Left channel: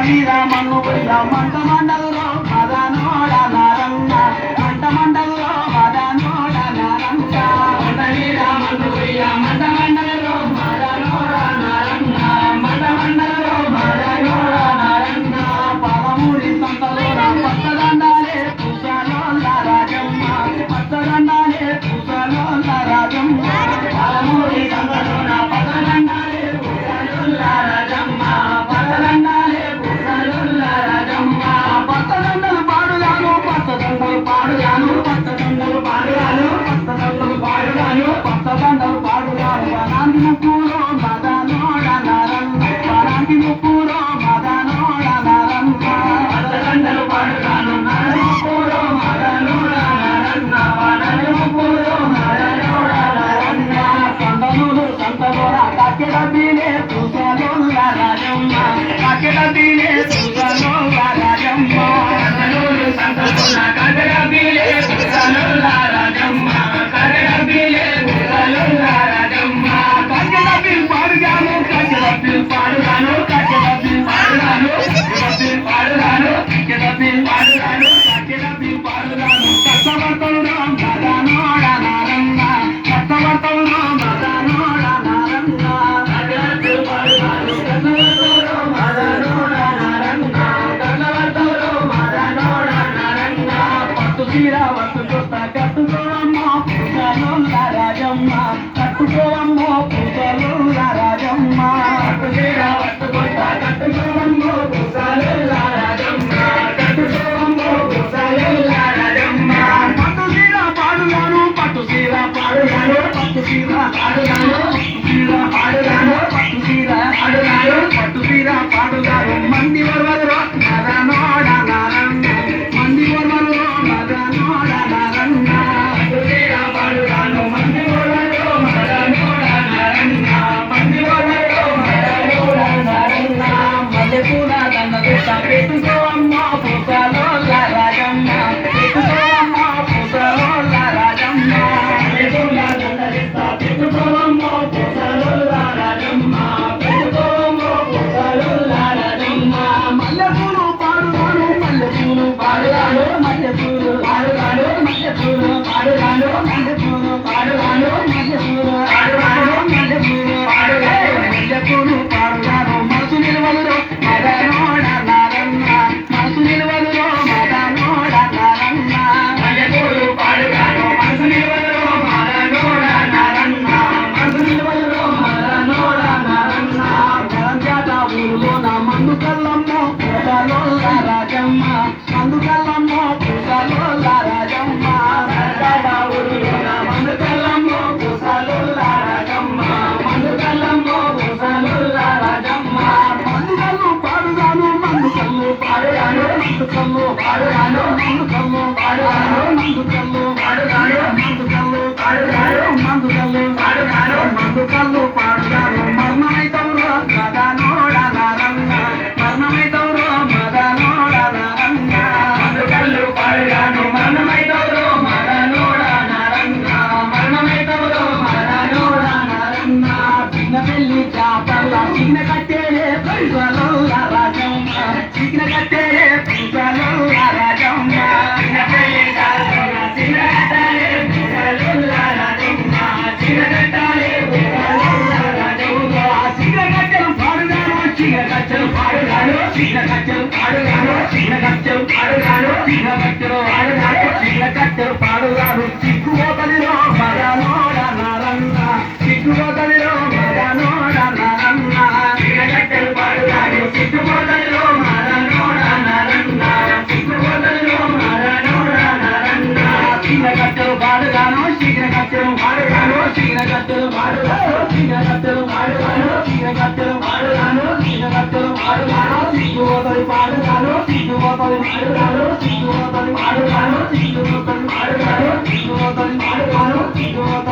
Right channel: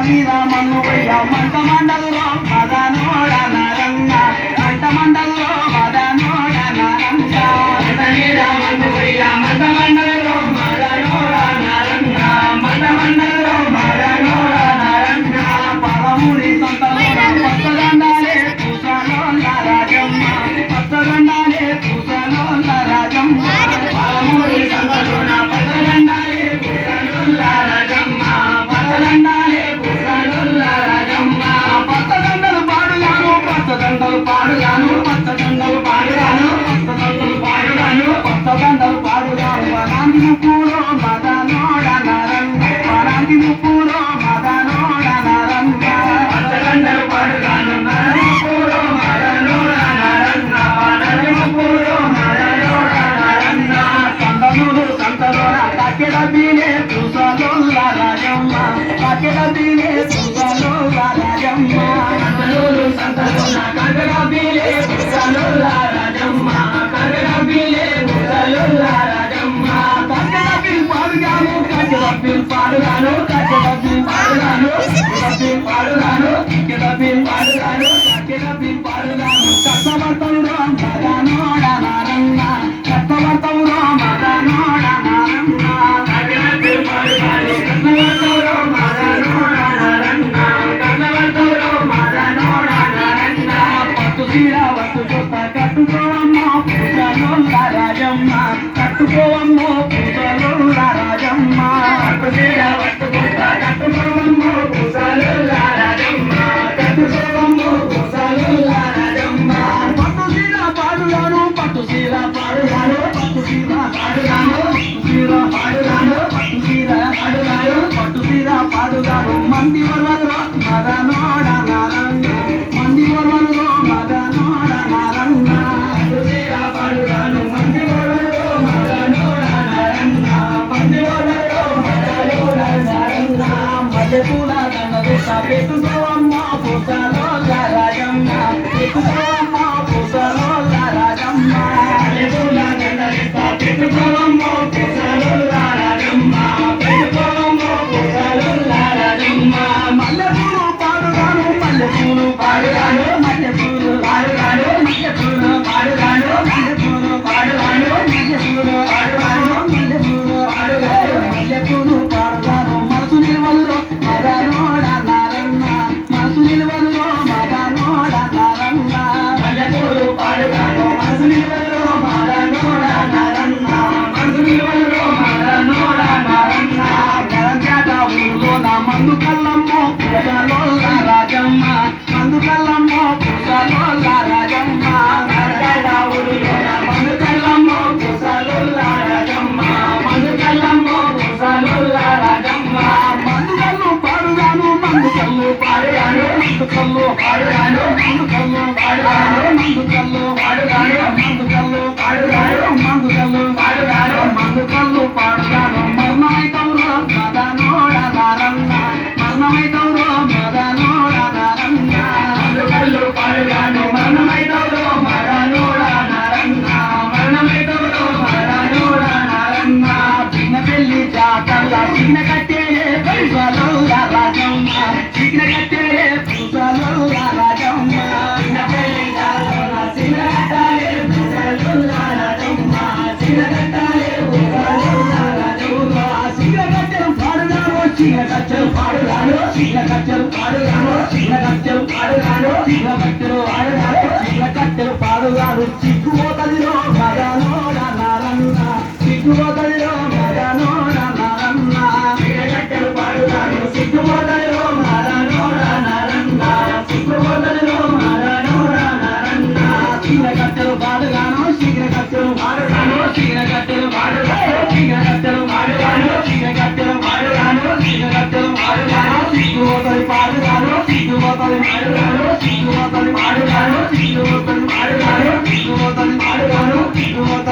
మీద మన్ను పోయ మంట మండల్లో మదనోడ నరంగ మంట మండల్లో మదనోడ నరంగ మంట మీద మన్ను పోయ మంట మండల్లో మదనోడ నరంగ మంట మండల్లో మదనోడ నరంగ పదమూడి సంతలో పచ్చదండాలే పూసలో రాజమ్మ పచ్చదండాలే పూసలో రాజమ్మ పదమూడి సంతలో పచ్చదండాలే పూసలో రాజమ్మ పచ్చదండాలే పూసలో రాజమ్మ పచ్చదండలు పాడుగాను పచ్చదండలు పాడుగాను పచ్చదండలు పాడుగాను పచ్చదండలు పాడుగాను పచ్చదండలు పాడుగాను వనాంతి ముప్పులో మదనోడ నరంగ వనాంతి ముప్పులో మదనోడ నరంగ పచ్చదండలు పాడుగాను నరంగ ముప్పులో మదనోడ నరంగ వనాంతి ముప్పులో మదనోడ నరంగ సంతనులు సంతలోన కక్కెడ బీలే పూసలో రాజమ్మ కక్కెడ బీలే పూసలో రాజమ్మ సంతనులు సంతలోన కక్కెడ బీలే పూసలో రాజమ్మ కక్కెడ బీలే పూసలో రాజమ్మ కక్కెడ బీల్ పాడుగాను కక్కెడ బీల్ పాడుగాను కక్కెడ బీల్ పాడుగాను కక్కెడ బీల్ పాడుగాను కక్కెడ బీల్ పాడుగాను కక్కెడ బీల్ పాడుగాను కష్టవర్తలు మదనోడ నరంగ కష్టవర్తలు మదనోడ నరంగ కక్కెడ బీల్ పాడుగాను కష్టవర్తలు మదనోడ నరంగ కష్టవర్తలు మదనోడ నరంగ పట్టు చీర వట్టు జొత్త కట్టుకోవమ్మ పూసలో రాజమ్మ కట్టుకోవమ్మ పూసలో రాజమ్మ పట్టు చీర వట్టు జొత్త కట్టుకోవమ్మ పూసలో రాజమ్మ కట్టుకోవమ్మ పూసలో రాజమ్మ పట్టు చీర పాడుగాను పట్టు చీర పాడుగాను పట్టు చీర పాడుగాను పట్టు చీర పాడుగాను పట్టు చీర పాడుగాను పట్టు చీర పాడుగాను మంది వరవరు మదనోడ నరంగ మంది వరవరు మదనోడ నరంగ పట్టు చీర పాడుగాను మంది వరవరు మదనోడ నరంగ మంది వరవరు మదనోడ నరంగ మల్లెపూల దండ వేట పెట్టుకోవమ్మ పూసలో రాజమ్మ పెట్టుకోవమ్మ పూసలో రాజమ్మ మల్లెపూల దండ వేట పెట్టుకోవమ్మ పూసలో రాజమ్మ పెట్టుకోవమ్మ పూసలో రాజమ్మ మల్లెపూలు పాడుగాను మల్లెపూలు పాడుగాను మల్లెపూలు పాడుగాను మల్లెపూలు పాడుగాను మల్లెపూలు పాడుగాను మల్లెపూలు పాడుగాను మల్లెపూలు పాడుగాను మల్లెపూలు పాడుగాను మనసు నిలవల్లో మదనోడ నరంగ మనసు నిలవల్లో మదనోడ నరంగ మల్లెపూలు పాడుగాను మనసు నిలవల్లో మదనోడ నరంగ మనసు నిలవల్లో మదనోడ నరంగ జరంజాత ఊరులోన మందు కల్లమ్మో పూసలో రాజమ్మ మందు కల్లమ్మో పూసలో రాజమ్మ జరంజాత ఊరులోన మందు కల్లమ్మో పూసలో రాజమ్మ మందు కల్లమ్మో పూసలో రాజమ్మ మందు కల్లు పాడుగాను మందు కల్లు పాడుగాను మందు కల్లు పాడుగాను మందు కల్లు పాడుగాను మందు కల్లు పాడుగాను మందు కల్లు పాడుగాను మందు కల్లు పాడుగాను మందు కల్లు పాడుగాను మర్మమైతవురో మదనోడ నరంగ మర్మమైతవురో మదనోడ నరంగ మందు కల్లు పాడుగాను మర్మమైతవురో మదనోడ నరంగ మర్మమైతవురో మదనోడ నరంగ చిన్న పెళ్లి జాతర చిన్న కట్టేరే పూసలో రాజమ్మ చిన్న కట్టేరే పూసలో రాజమ్మ చిన్న పెళ్లి జాతర చిన్న కట్టేరే పూసలో రాజమ్మ చిన్న కట్టేరే పూసలో రాజమ్మ చిన్న కట్టెలు పాడుగాను చిన్న కట్టెలు పాడుగాను చిన్న కట్టెలు పాడుగాను చిన్న కట్టెలు పాడుగాను చిన్న కట్టెలు పాడుగాను చిన్న కట్టెలు పాడుగాను చిక్కుపోతదిలో మదనోడ నరంగ చిక్కుపోతదిలో మదనోడ నరంగ చిన్న కట్టెలు పాడుగాను చిక్కుపోతదిలో మదనోడ నరంగ చిక్కుపోతదిలో మదనోడ నరంగ చిన్న కట్టెలు పాడుగాను చిన్న కట్టెలు పాడుగాను చిన్న కట్టెలు పాడుగాను చిన్న కట్టెలు పాడుగాను చిన్న కట్టెలు పాడుగాను చిన్న కట్టెలు పాడుగాను చిక్కుపోతది పాడుగాను చిక్కుపోతది పాడుగాను చిక్కుపోతది పాడుగాను చిక్కుపోతది పాడుగాను చిక్కుపోతది పాడుగాను చిక్కుపోతది